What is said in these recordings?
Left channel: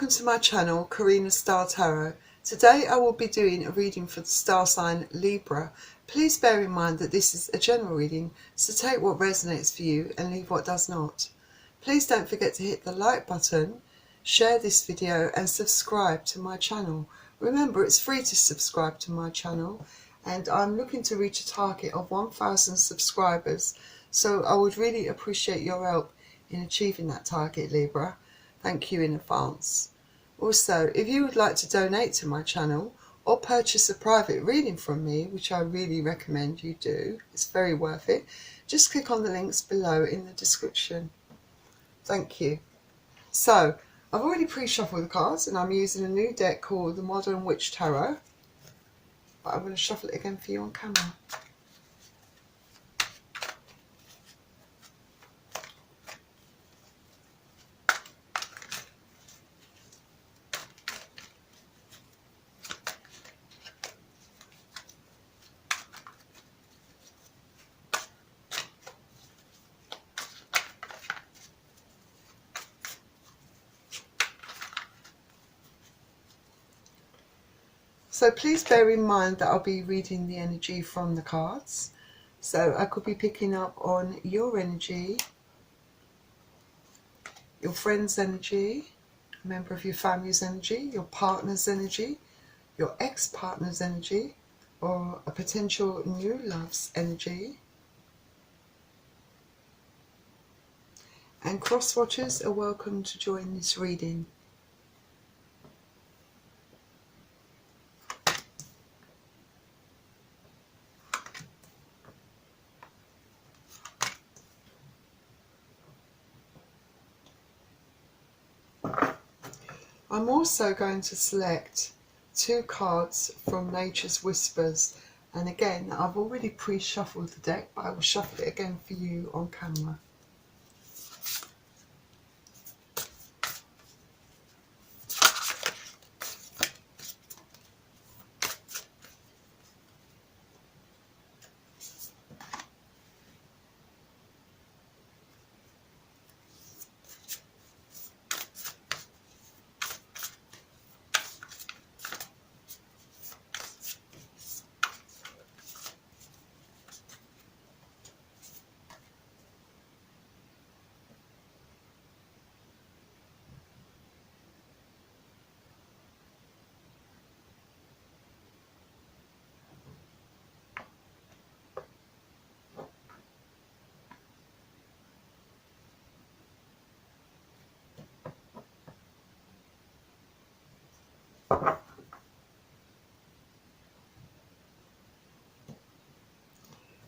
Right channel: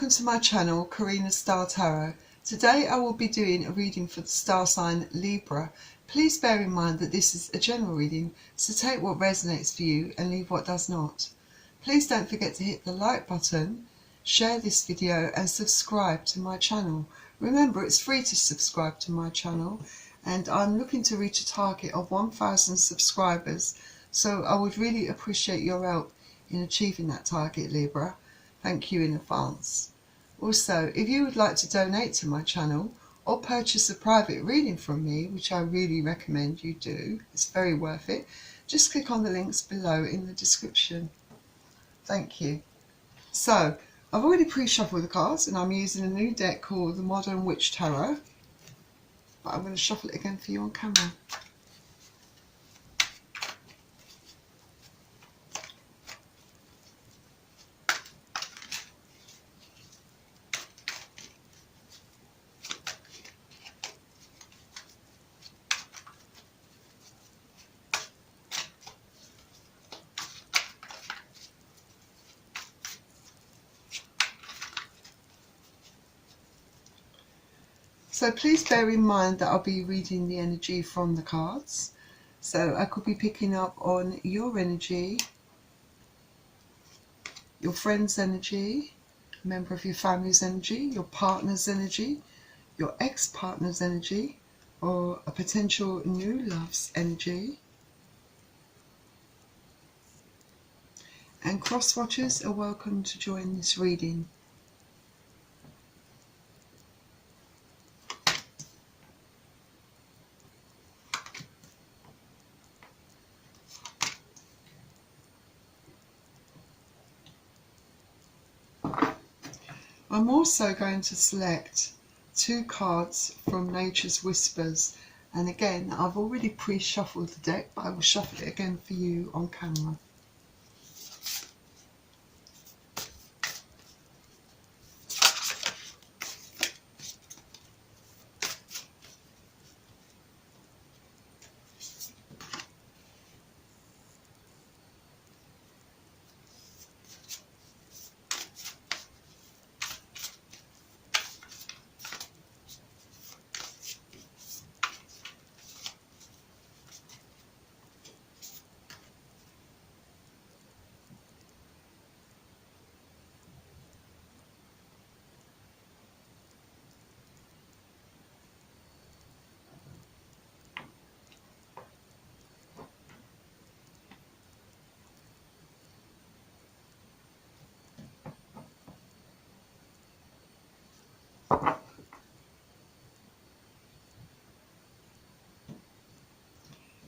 welcome to my channel, Karina Star Tarot. Today I will be doing a reading for the star sign Libra. Please bear in mind that this is a general reading, so take what resonates for you and leave what does not. Please don't forget to hit the like button, share this video and subscribe to my channel. Remember, it's free to subscribe to my channel and I'm looking to reach a target of 1,000 subscribers, so I would really appreciate your help in achieving that target, Libra. Thank you in advance. Also, if you would like to donate to my channel or purchase a private reading from me, which I really recommend you do, it's very worth it, just click on the links below in the description. Thank you. So, I've already pre-shuffled the cards and I'm using a new deck called the Modern Witch Tarot, but I'm going to shuffle it again for you on camera. So please bear in mind that I'll be reading the energy from the cards. So I could be picking up on your energy, your friend's energy, a member of your family's energy, your partner's energy, your ex-partner's energy, or a potential new love's energy. And cross-watchers are welcome to join this reading. I'm also going to select 2 cards from Nature's Whispers, and again I've already pre-shuffled the deck, but I will shuffle it again for you on camera.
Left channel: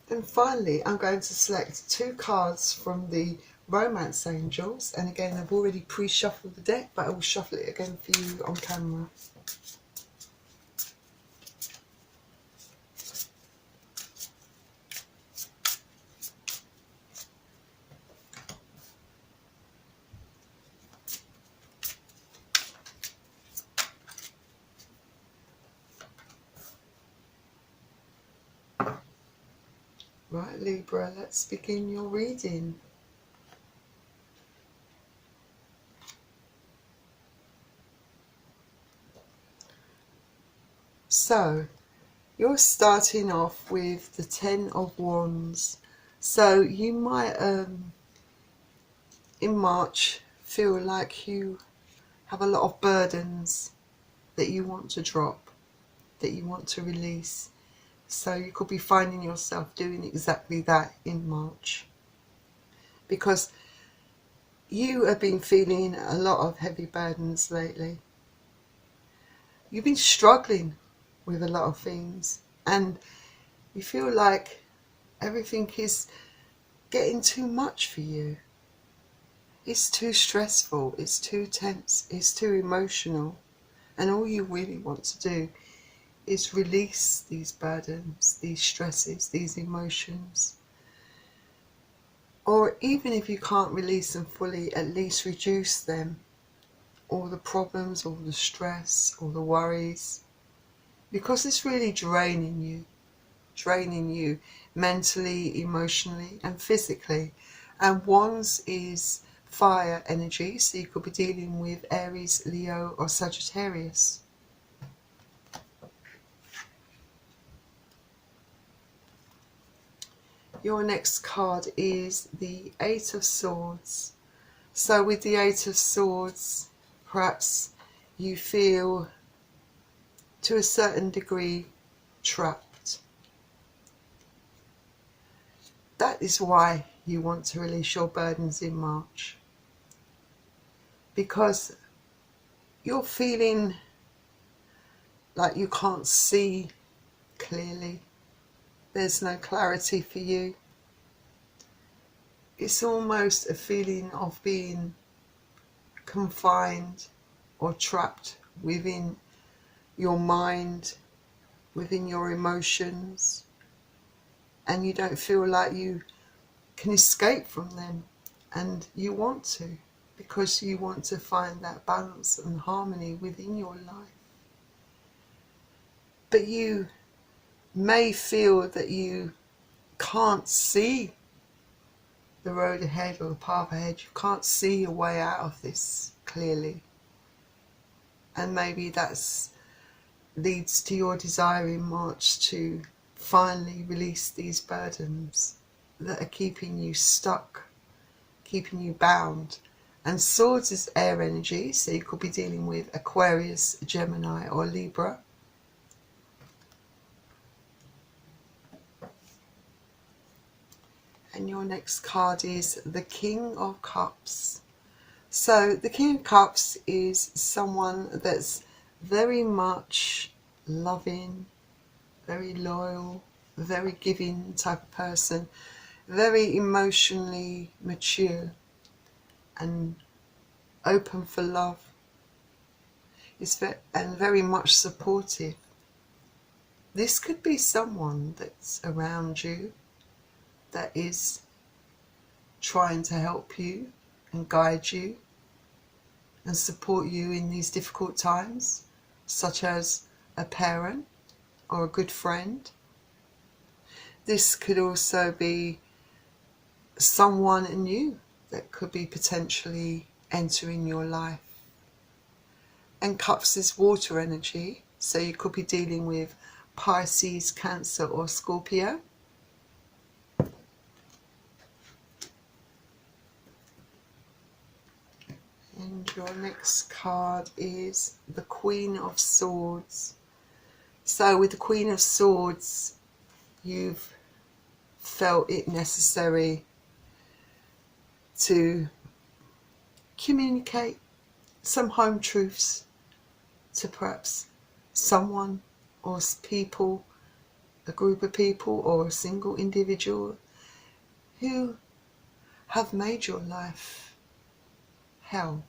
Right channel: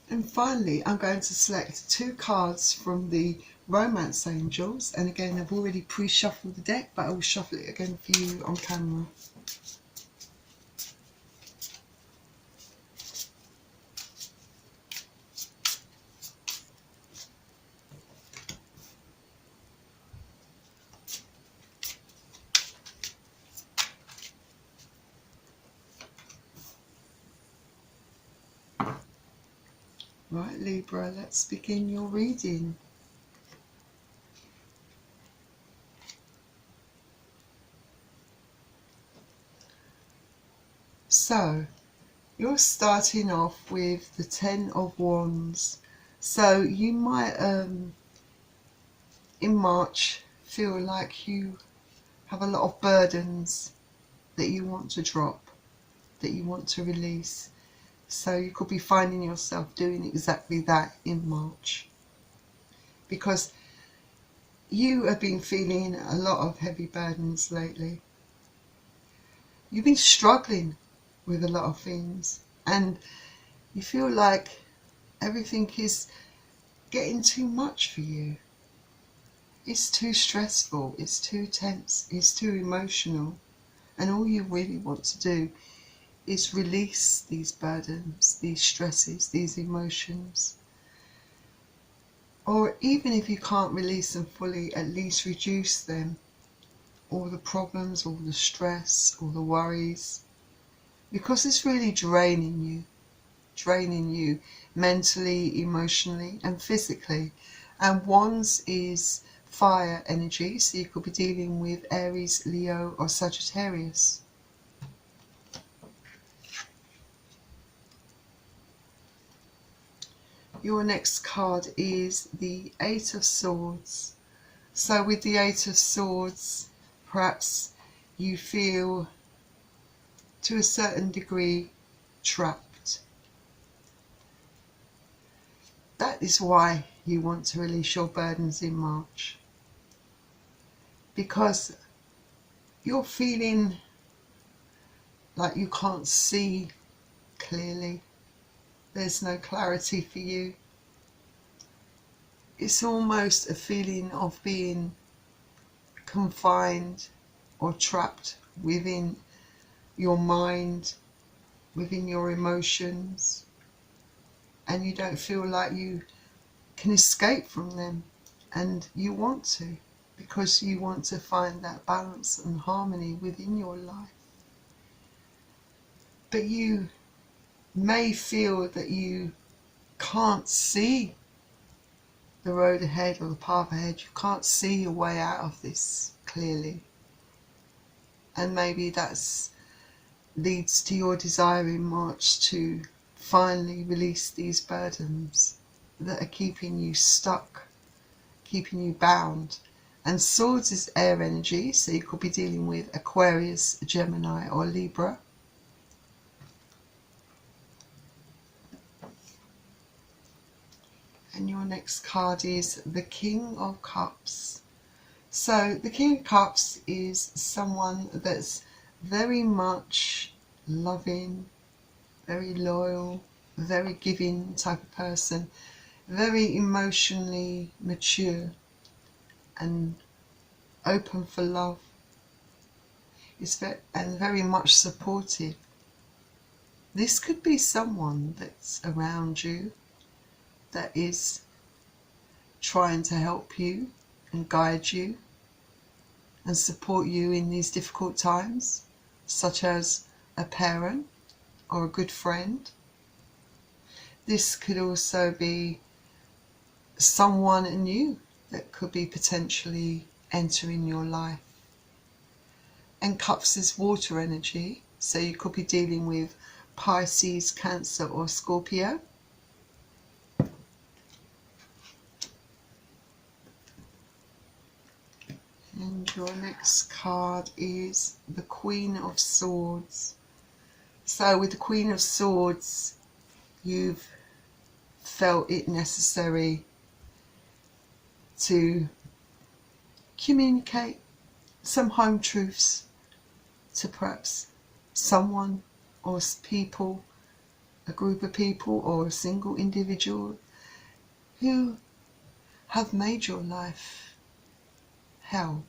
And finally, I'm going to select 2 cards from the Romance Angels. And again, I've already pre-shuffled the deck, but I will shuffle it again for you on camera. Right, Libra, let's begin your reading. So, you're starting off with the 10 of Wands. So, you might, in March, feel like you have a lot of burdens that you want to drop, that you want to release. So you could be finding yourself doing exactly that in March, because you have been feeling a lot of heavy burdens lately. You've been struggling with a lot of things and you feel like everything is getting too much for you. It's too stressful, it's too tense, it's too emotional, and all you really want to do is release these burdens, these stresses, these emotions. Or even if you can't release them fully, at least reduce them. All the problems, all the stress, all the worries. Because it's really draining you mentally, emotionally and physically. And Wands is fire energy, so you could be dealing with Aries, Leo or Sagittarius. Your next card is the Eight of Swords. So with the Eight of Swords, perhaps you feel to a certain degree trapped. That is why you want to release your burdens in March, because you're feeling like you can't see clearly. There's no clarity for you. It's almost a feeling of being confined or trapped within your mind, within your emotions, and you don't feel like you can escape from them, and you want to, because you want to find that balance and harmony within your life. But you may feel that you can't see the road ahead or the path ahead. You can't see your way out of this clearly, and maybe that's leads to your desire in March to finally release these burdens that are keeping you stuck, keeping you bound. And Swords is air energy, so you could be dealing with Aquarius, Gemini or Libra. And your next card is the King of Cups. So the King of Cups is someone that's very much loving, very loyal, very giving type of person, very emotionally mature and open for love. It's very much supportive. This could be someone that's around you that is trying to help you and guide you and support you in these difficult times, such as a parent or a good friend. This could also be someone new that could be potentially entering your life. And Cups is water energy, so you could be dealing with Pisces, Cancer or Scorpio. And your next card is the Queen of Swords. So with the Queen of Swords, you've felt it necessary to communicate some home truths to perhaps someone or people, a group of people or a single individual who have made your life hell,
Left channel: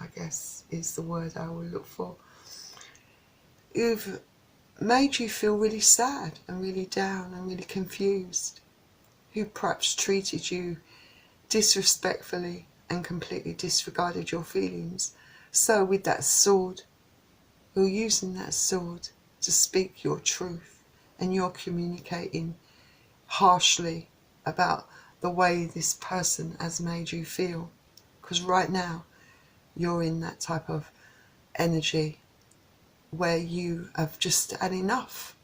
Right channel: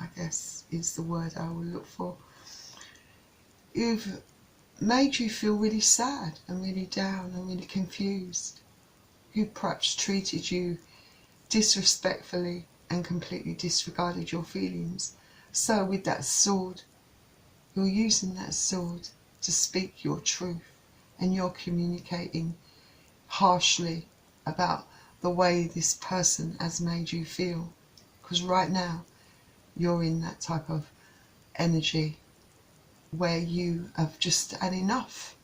I guess is the word I will look for. Who've made you feel really sad and really down and really confused, who perhaps treated you disrespectfully and completely disregarded your feelings. So with that sword, you're using that sword to speak your truth, and you're communicating harshly about the way this person has made you feel, because right now you're in that type of energy where you have just had enough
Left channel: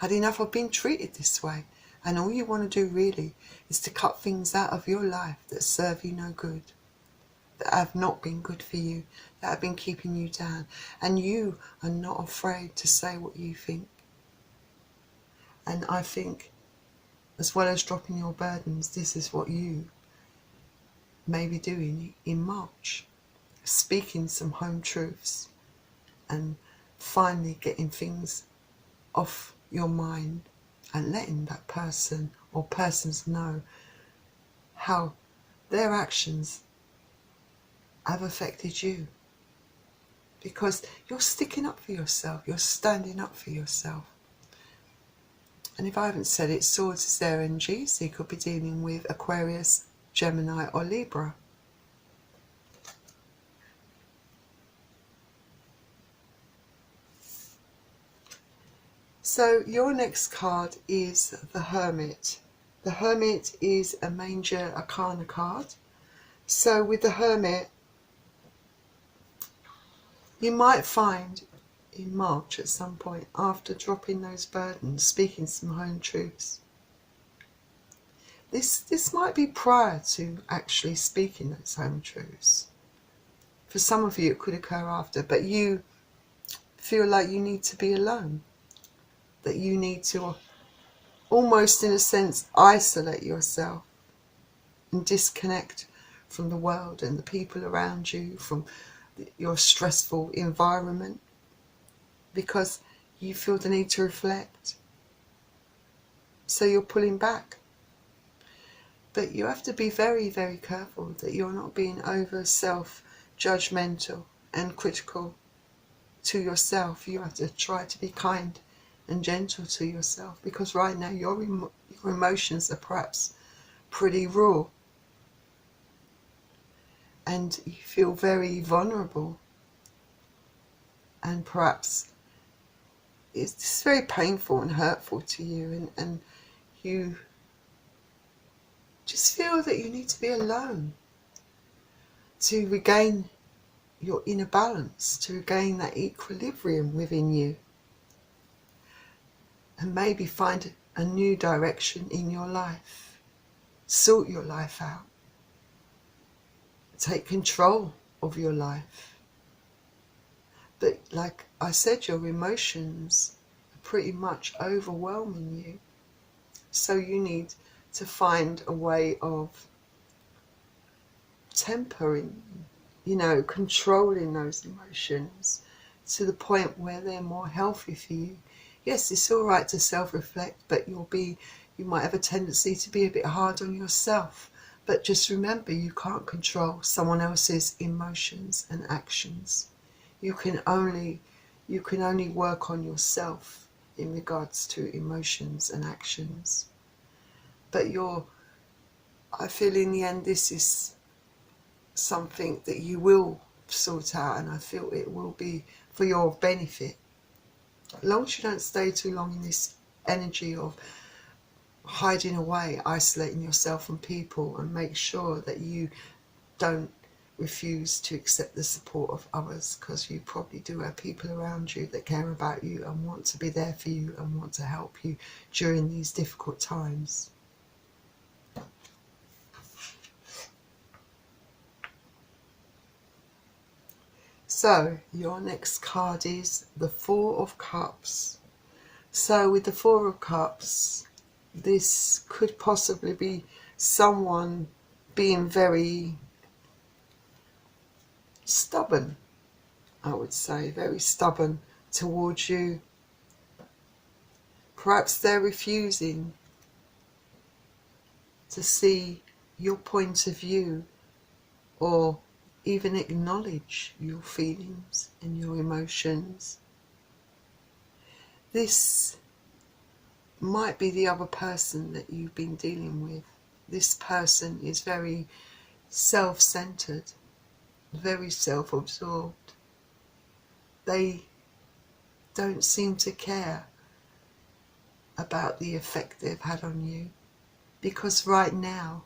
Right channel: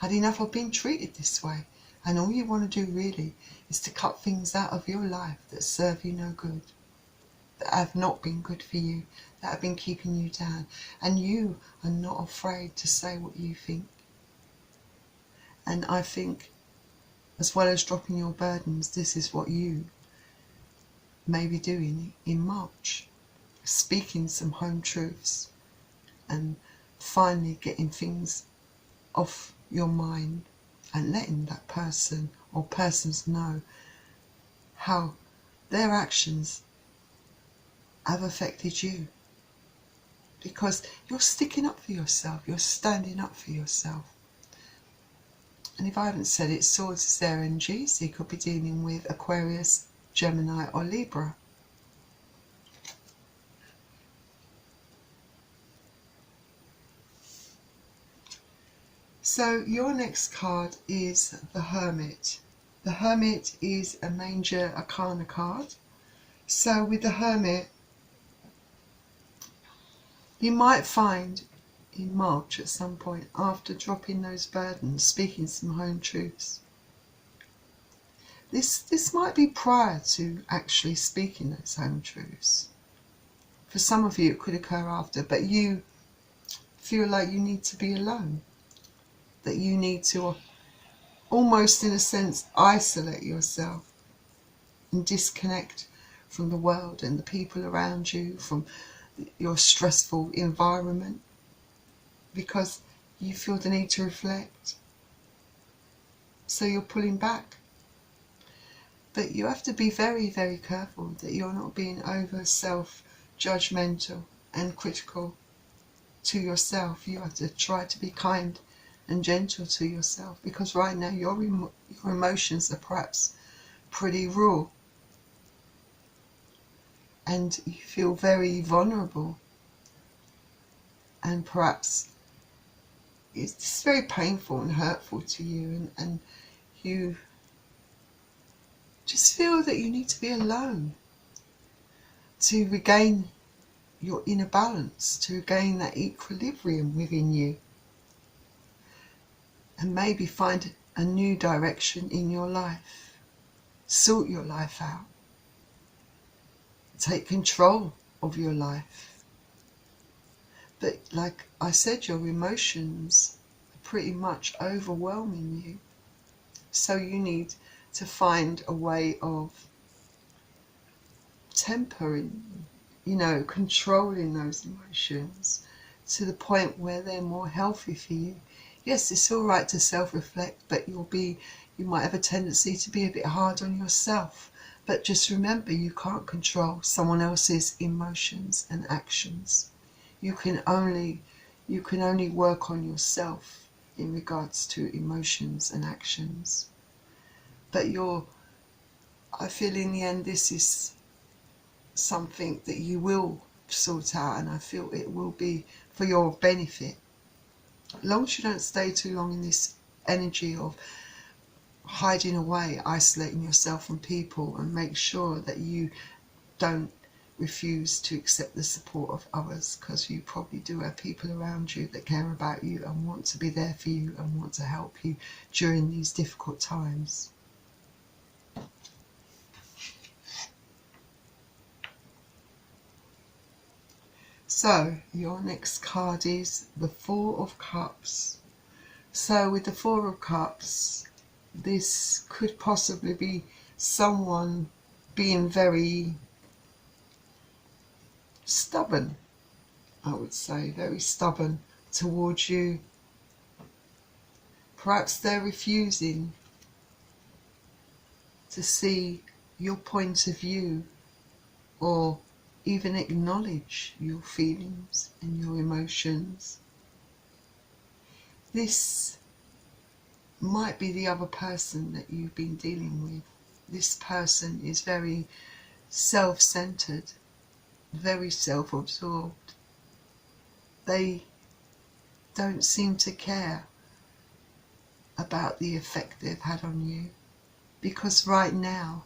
of being treated this way, and all you want to do really is to cut things out of your life that serve you no good, that have not been good for you, that have been keeping you down, and you are not afraid to say what you think. And I think, as well as dropping your burdens, this is what you may be doing in March, speaking some home truths and finally getting things off your mind and letting that person or persons know how their actions have affected you, because you're sticking up for yourself, you're standing up for yourself. And if I haven't said it, Swords is their energy, so you could be dealing with Aquarius, Gemini or Libra. So your next card is the Hermit. The Hermit is a major arcana card. So with the Hermit, you might find in March at some point, after dropping those burdens, speaking some home truths. This might be prior to actually speaking those home truths. For some of you it could occur after, but you feel like you need to be alone, that you need to almost in a sense isolate yourself and disconnect from the world and the people around you, from your stressful environment, because you feel the need to reflect. So you're pulling back. But you have to be very, very careful that you're not being over self-judgmental and critical to yourself. You have to try to be kind and gentle to yourself, because right now your emotions are perhaps pretty raw and you feel very vulnerable, and perhaps it's very painful and hurtful to you, and you just feel that you need to be alone to regain your inner balance, to regain that equilibrium within you, and maybe find a new direction in your life. Sort your life out. Take control of your life. But like I said, your emotions are pretty much overwhelming you. So you need to find a way of tempering, controlling those emotions to the point where they're more healthy for you. Yes, it's all right to self-reflect, but you might have a tendency to be a bit hard on yourself. But just remember, you can't control someone else's emotions and actions. You can only work on yourself in regards to emotions and actions. But I feel in the end this is something that you will sort out, and I feel it will be for your benefit. As long as you don't stay too long in this energy of hiding away, isolating yourself from people, and make sure that you don't refuse to accept the support of others, because you probably do have people around you that care about you and want to be there for you and want to help you during these difficult times. So your next card is the Four of Cups. So with the Four of Cups, this could possibly be someone being very stubborn, I would say, very stubborn towards you. Perhaps they're refusing to see your point of view or even acknowledge your feelings and your emotions. This might be the other person that you've been dealing with. This person is very self-centered, very self-absorbed. They don't seem to care about the effect they've had on you, because right now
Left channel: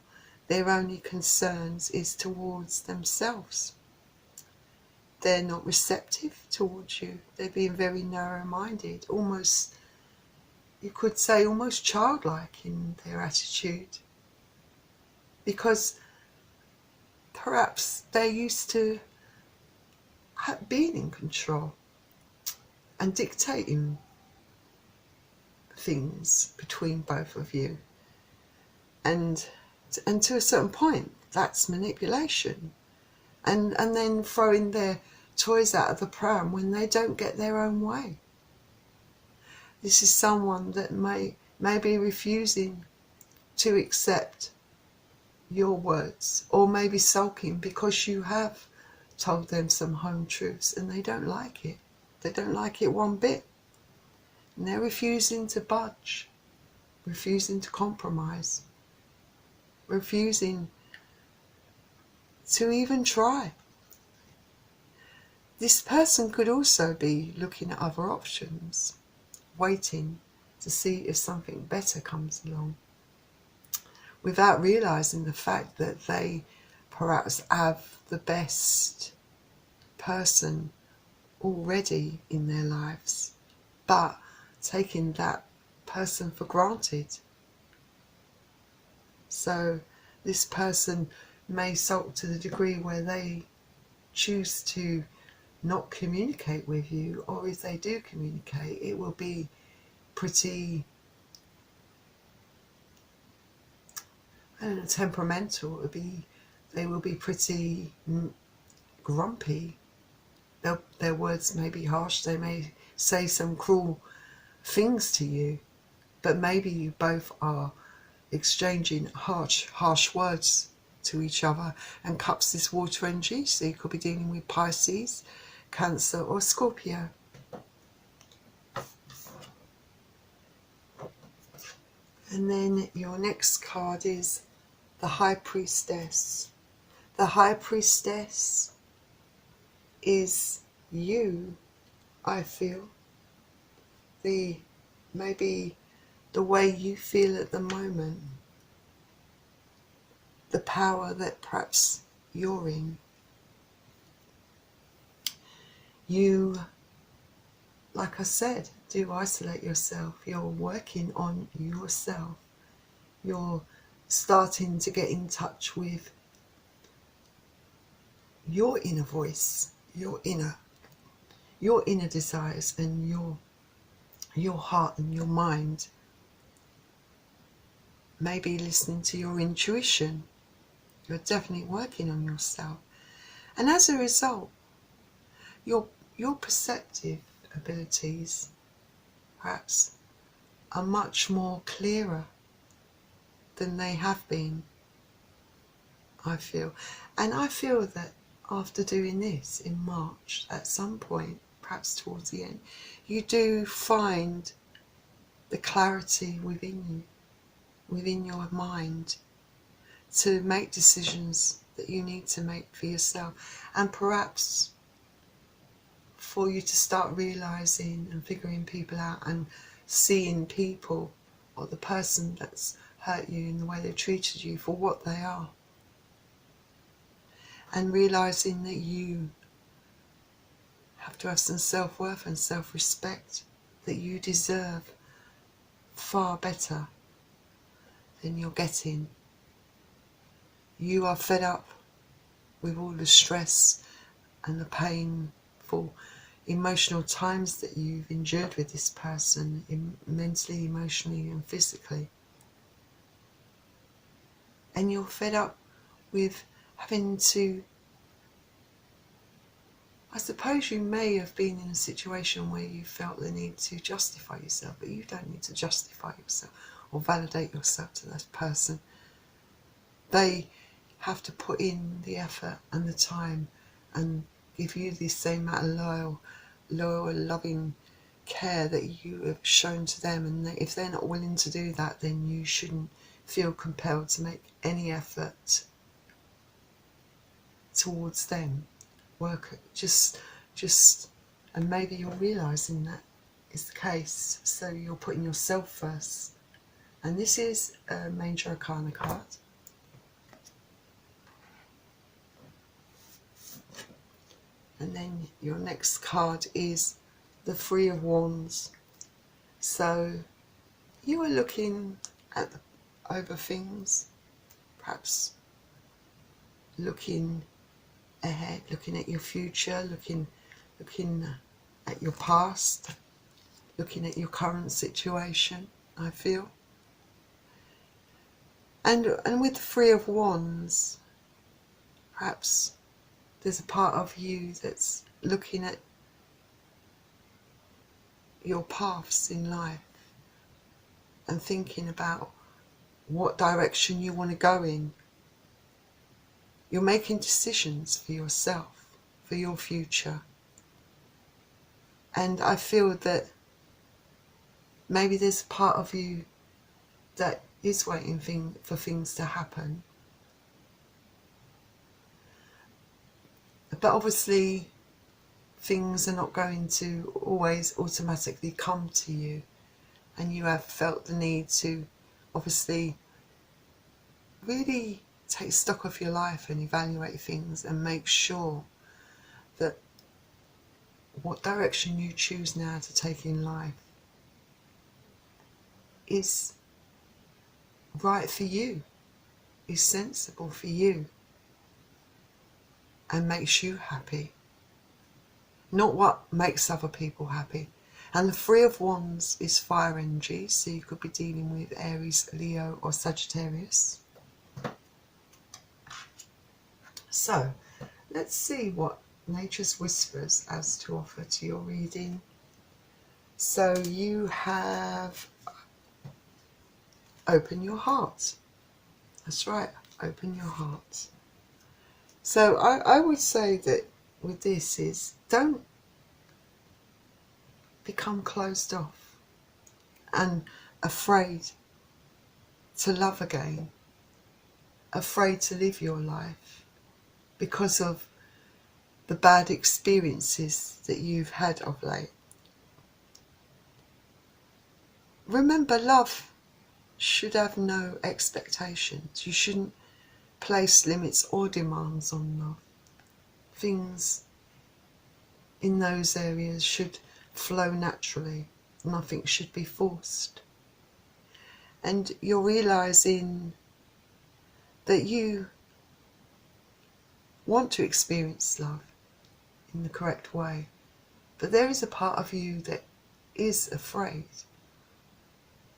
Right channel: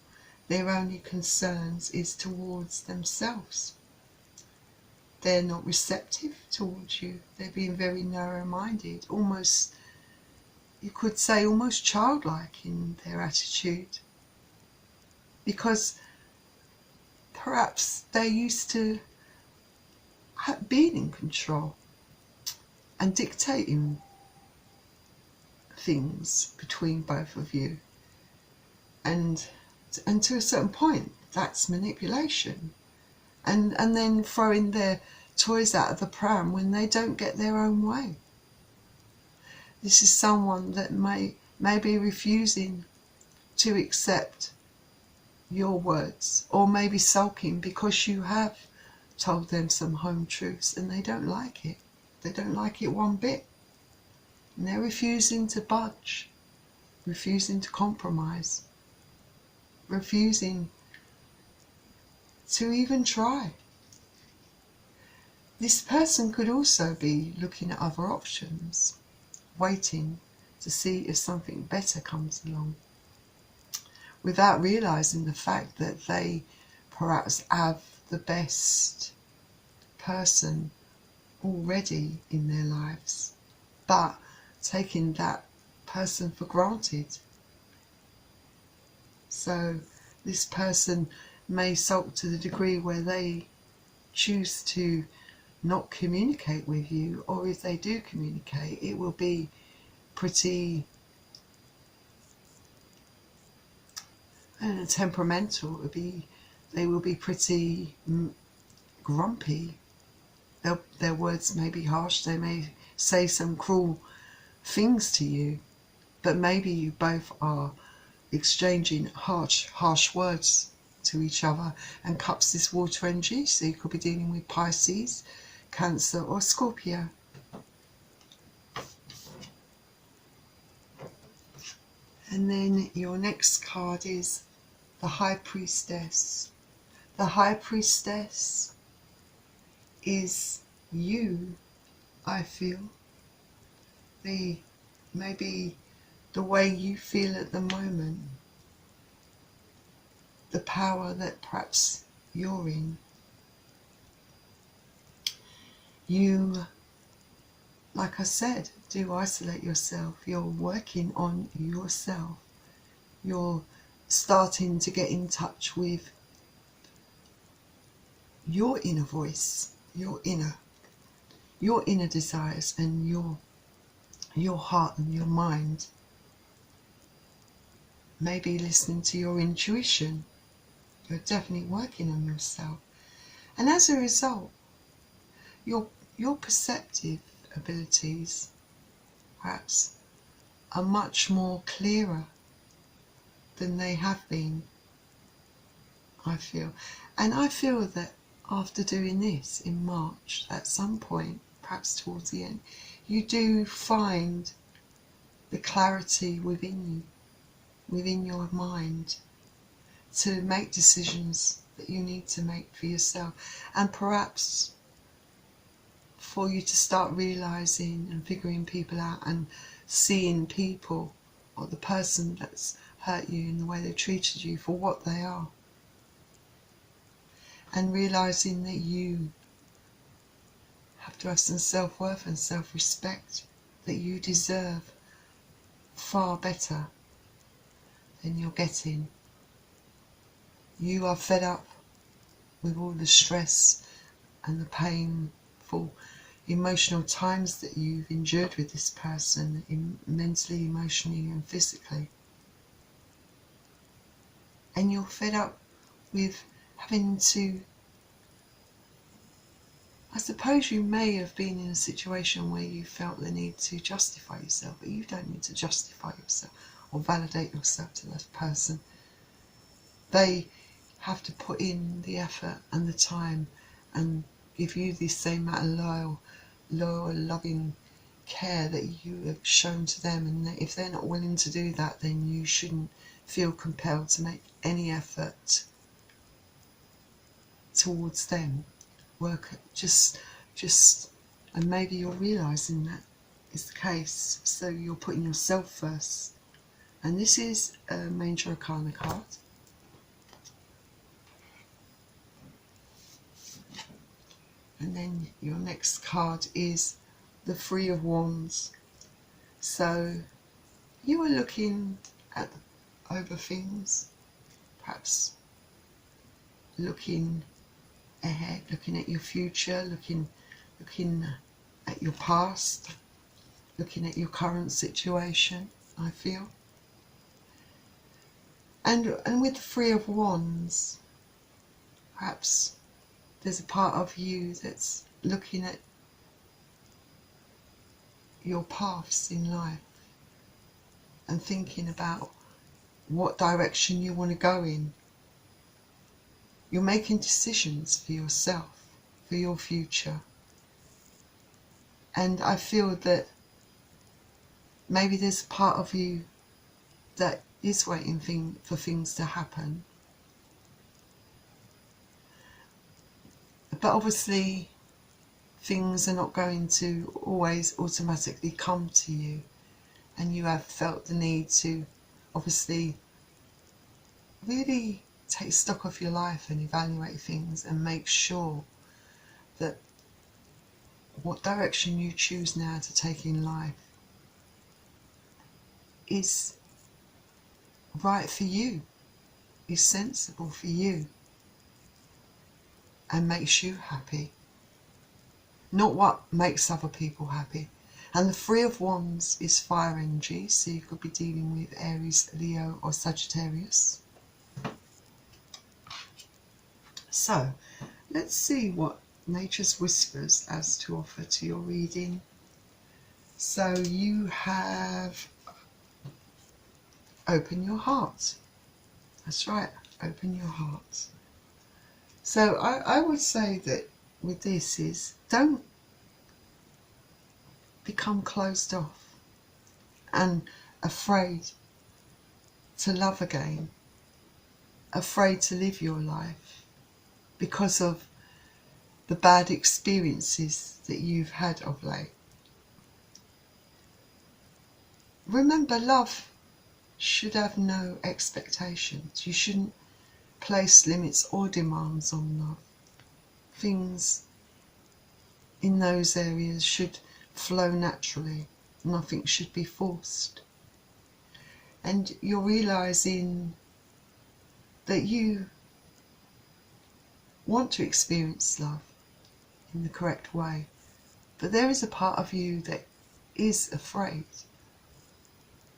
their only concerns is towards themselves. They're not receptive towards you. They're being very narrow-minded, almost, you could say, almost childlike in their attitude, because perhaps they're used to being in control and dictating things between both of you, and to a certain point that's manipulation, and then throwing their toys out of the pram when they don't get their own way. This is someone that may be refusing to accept your words, or maybe sulking because you have told them some home truths and they don't like it. They don't like it one bit. And they're refusing to budge, refusing to compromise, refusing to even try. This person could also be looking at other options, waiting to see if something better comes along, without realising the fact that they perhaps have the best person already in their lives, but taking that person for granted. So this person may sulk to the degree where they choose to not communicate with you, or if they do communicate, it will be pretty temperamental. They will be pretty grumpy. Their words may be harsh. They may say some cruel things to you, but maybe you both are exchanging harsh words to each other. And Cups is water energy, so you could be dealing with Pisces, Cancer or Scorpio. And then your next card is the High Priestess. The High Priestess is you, I feel. Maybe the way you feel at the moment. The power that perhaps you're in. You, like I said, do isolate yourself. You're working on yourself. You're starting to get in touch with your inner voice, your inner desires, and your heart and your mind. Maybe listening to your intuition. You're definitely working on yourself. And as a result, your perceptive abilities perhaps are much more clearer than they have been, I feel. And I feel that after doing this in March, at some point, perhaps towards the end, you do find the clarity within you, within your mind, to make decisions that you need to make for yourself. And perhaps for you to start realising and figuring people out and seeing people or the person that's hurt you in the way they treated you for what they are. And realising that you have to have some self-worth and self-respect, that you deserve far better than you're getting. You are fed up with all the stress and the painful emotional times that you've endured with this person, mentally, emotionally and physically. And you're fed up with having to, I suppose you may have been in a situation where you felt the need to justify yourself, but you don't need to justify yourself or validate yourself to that person. They have to put in the effort and the time and give you the same amount of loyal, loving care that you have shown to them. And if they're not willing to do that, then you shouldn't feel compelled to make any effort towards them. Work just and maybe you're realising that is the case, so you're putting yourself first. And this is a Major Arcana card. And then your next card is the Three of Wands. So you are looking over things, perhaps looking ahead, looking at your future, looking at your past, looking at your current situation, I feel. And with the Three of Wands, perhaps there's a part of you that's looking at your paths in life and thinking about what direction you want to go in. You're making decisions for yourself, for your future. And I feel that maybe there's a part of you that is waiting for things to happen. But obviously things are not going to always automatically come to you, and you have felt the need to obviously really take stock of your life and evaluate things and make sure that what direction you choose now to take in life is right for you, is sensible for you, and makes you happy, not what makes other people happy. And the Three of Wands is fire energy, so you could be dealing with Aries, Leo or Sagittarius. So let's see what Nature's Whispers has to offer to your reading. So you have open your heart. That's right, open your heart. So I would say that with this is, don't become closed off and afraid to love again, afraid to live your life because of the bad experiences that you've had of late. Remember, love should have no expectations. You shouldn't place limits or demands on love. Things in those areas should flow naturally. Nothing should be forced. And you're realising that you want to experience love in the correct way. But there is a part of you that is afraid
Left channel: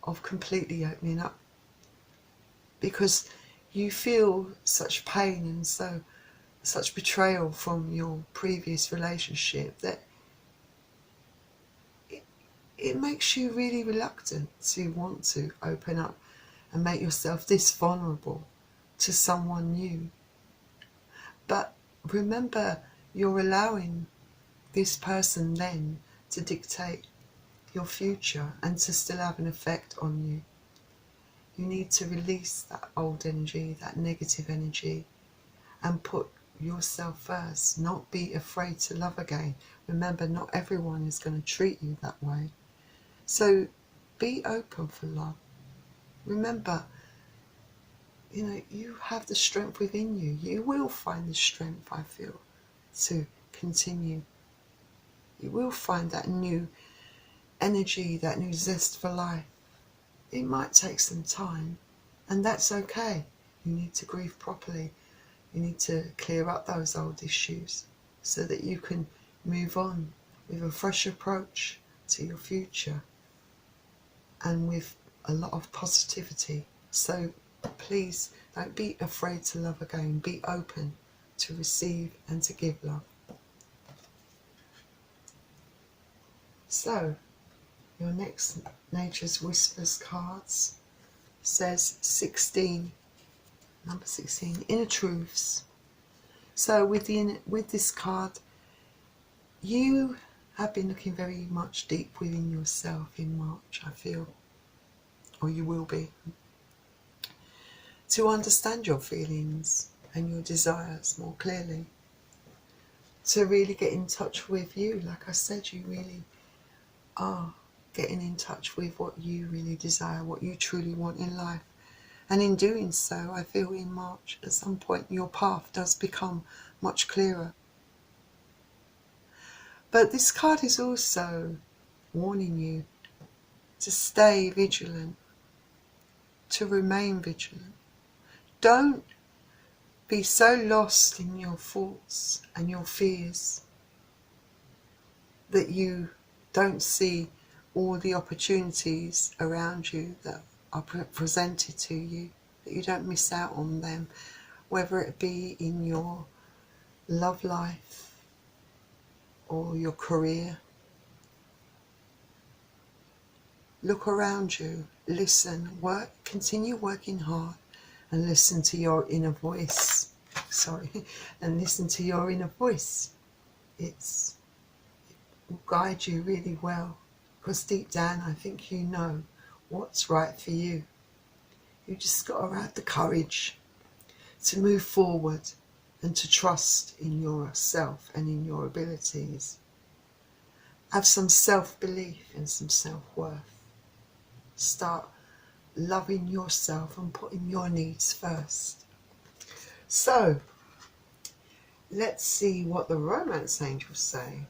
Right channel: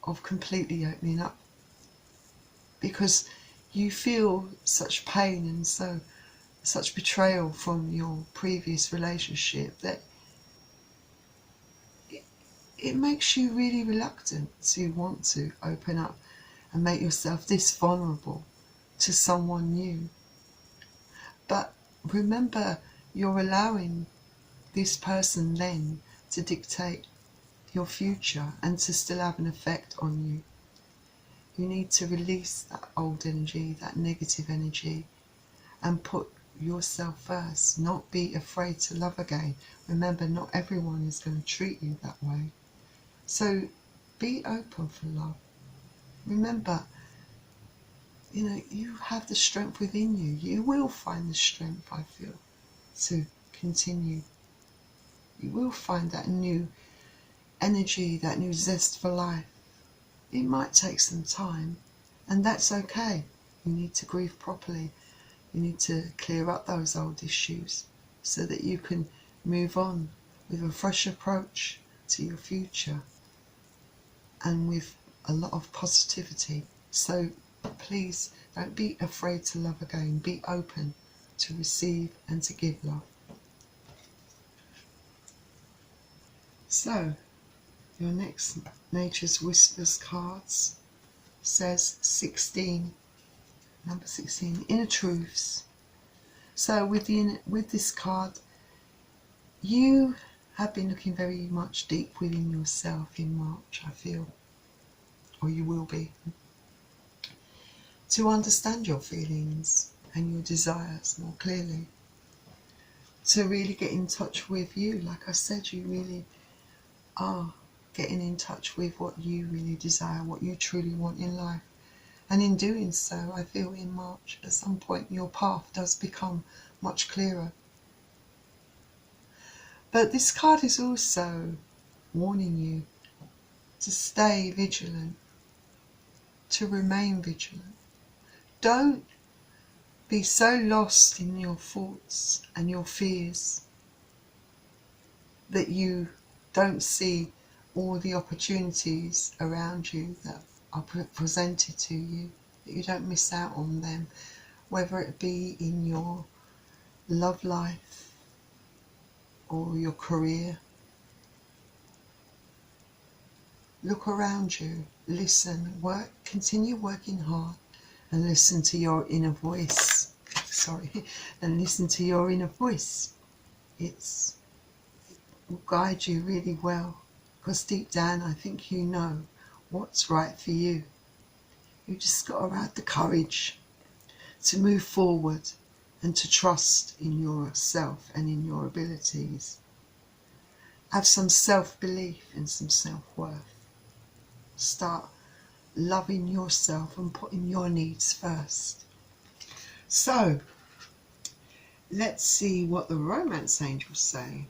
of completely opening up, because you feel such pain and such betrayal from your previous relationship that it makes you really reluctant to want to open up and make yourself this vulnerable to someone new. But remember, you're allowing this person then to dictate your future and to still have an effect on you. You need to release that old energy, that negative energy, and put yourself first. Not be afraid to love again. Remember, not everyone is going to treat you that way. So be open for love. Remember, you have the strength within you. You will find the strength, I feel, to continue. You will find that new energy, that new zest for life. It might take some time, and that's okay. You need to grieve properly. You need to clear up those old issues so that you can move on with a fresh approach to your future and with a lot of positivity. So please don't be afraid to love again. Be open to receive and to give love. So your next Nature's Whispers cards says 16, number 16, Inner Truths. So with this card, you have been looking very much deep within yourself in March, I feel, or you will be, to understand your feelings and your desires more clearly, to really get in touch with you. Like I said, you really are getting in touch with what you really desire, what you truly want in life. And in doing so, I feel in March, at some point, your path does become much clearer. But this card is also warning you to stay vigilant, to remain vigilant. Don't be so lost in your thoughts and your fears that you don't see all the opportunities around you that are presented to you, that you don't miss out on them, whether it be in your love life or your career. Look around you, listen, work, continue working hard, and listen to your inner voice. And listen to your inner voice. It will guide you really well, because deep down I think you know what's right for you. You just got to have the courage to move forward and to trust in yourself and in your abilities. Have some self-belief and some self-worth. Start loving yourself and putting your needs first. So let's see what the romance angels say.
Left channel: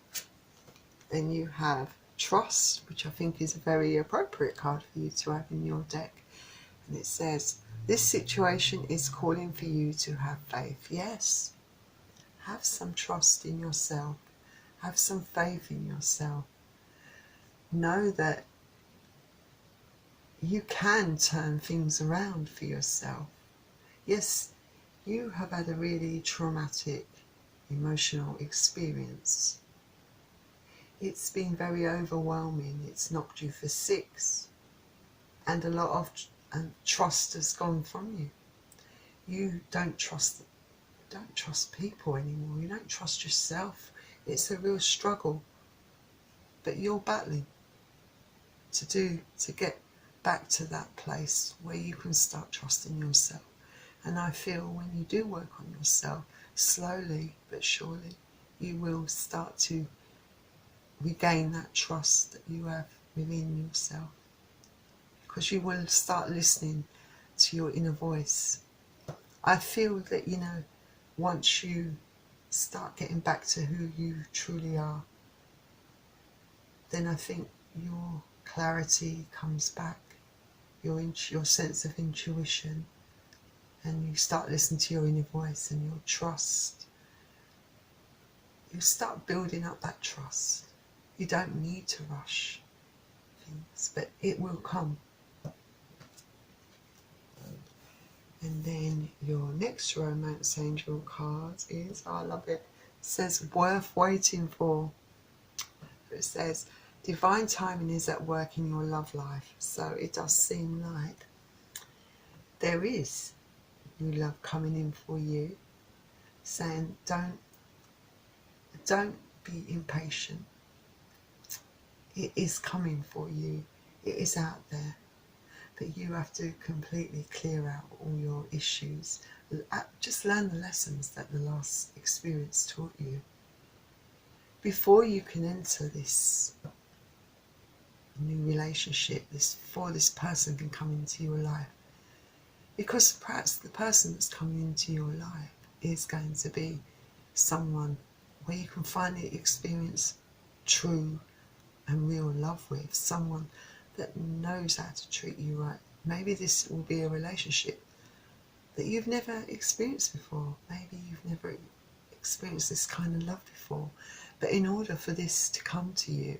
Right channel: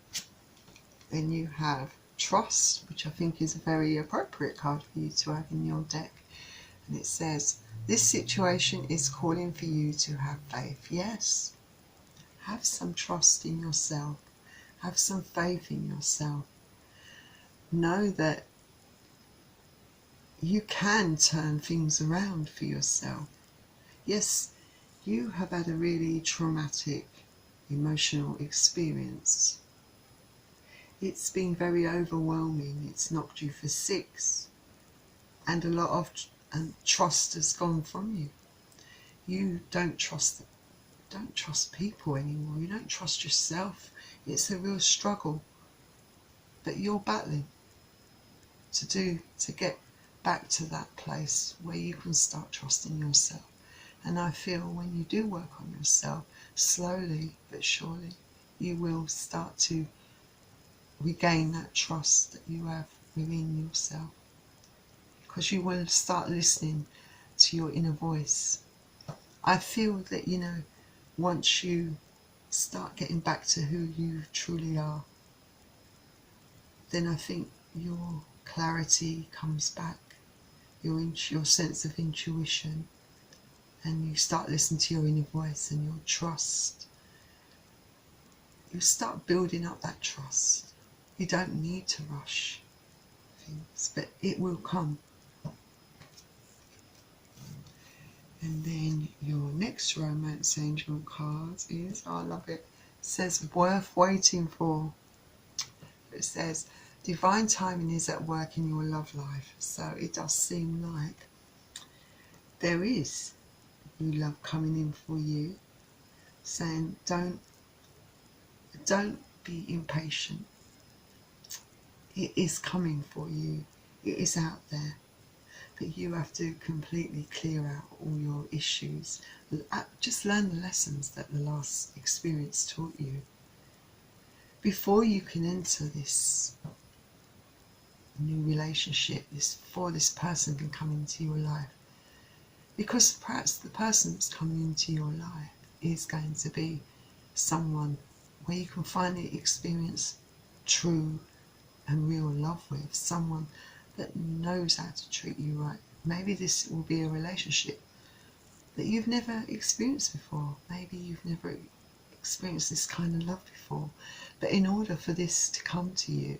Then you have trust, which I think is a very appropriate card for you to have in your deck. And it says, this situation is calling for you to have faith. Yes, have some trust in yourself. Have some faith in yourself. Know that you can turn things around for yourself. Yes, you have had a really traumatic, emotional experience. It's been very overwhelming. It's knocked you for six. And a lot of trust has gone from you. You don't trust people anymore. You don't trust yourself. It's a real struggle. But you're battling to get back to that place where you can start trusting yourself. And I feel when you do work on yourself, slowly but surely, you will start to regain that trust that you have within yourself. Because you will start listening to your inner voice. I feel that, you know, once you start getting back to who you truly are, then I think your clarity comes back, your sense of intuition, and you start listening to your inner voice and your trust. You start building up that trust. You don't need to rush things, but it will come. And then your next romance angel card is, I love it, says worth waiting for. It says divine timing is at work in your love life. So it does seem like there is new love coming in for you, saying don't be impatient. It is coming for you. It is out there. But you have to completely clear out all your issues. Just learn the lessons that the last experience taught you before you can enter this new relationship, before this person can come into your life. Because perhaps the person that's coming into your life is going to be someone where you can finally experience true and real love with, someone that knows how to treat you right. Maybe this will be a relationship that you've never experienced before. Maybe you've never experienced this kind of love before. But in order for this to come to you,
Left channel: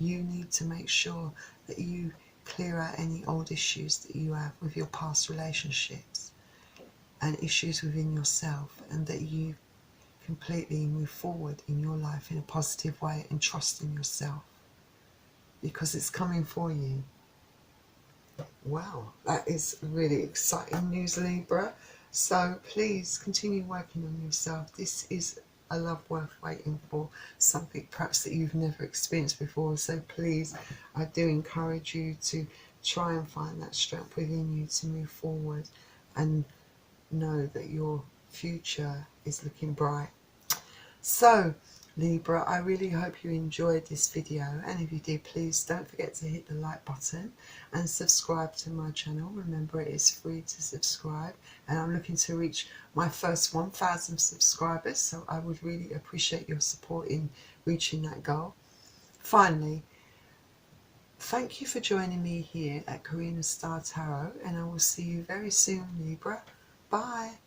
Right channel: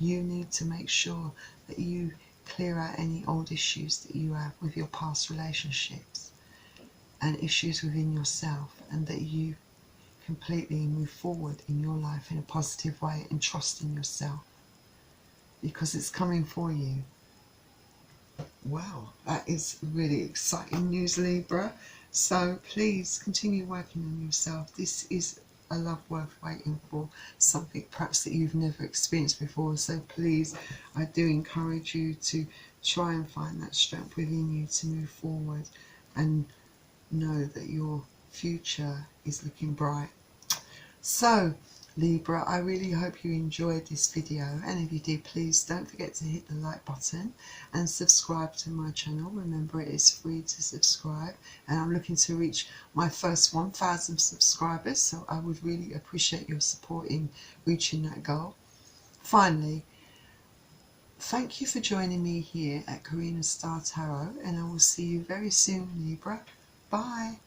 you need to make sure that you clear out any old issues that you have with your past relationships and issues within yourself, and that you completely move forward in your life in a positive way and trust in yourself, because it's coming for you. Wow, that is really exciting news, Libra. So please continue working on yourself. This is a love worth waiting for, something perhaps that you've never experienced before. So please, I do encourage you to try and find that strength within you to move forward and know that your future is looking bright. So Libra, I really hope you enjoyed this video, and if you did, please don't forget to hit the like button and subscribe to my channel. Remember, it is free to subscribe, and I'm looking to reach my first 1,000 subscribers, so I would really appreciate your support in reaching that goal. Finally, thank you for joining me here at Karina Star Tarot, and I will see you very soon, Libra. Bye.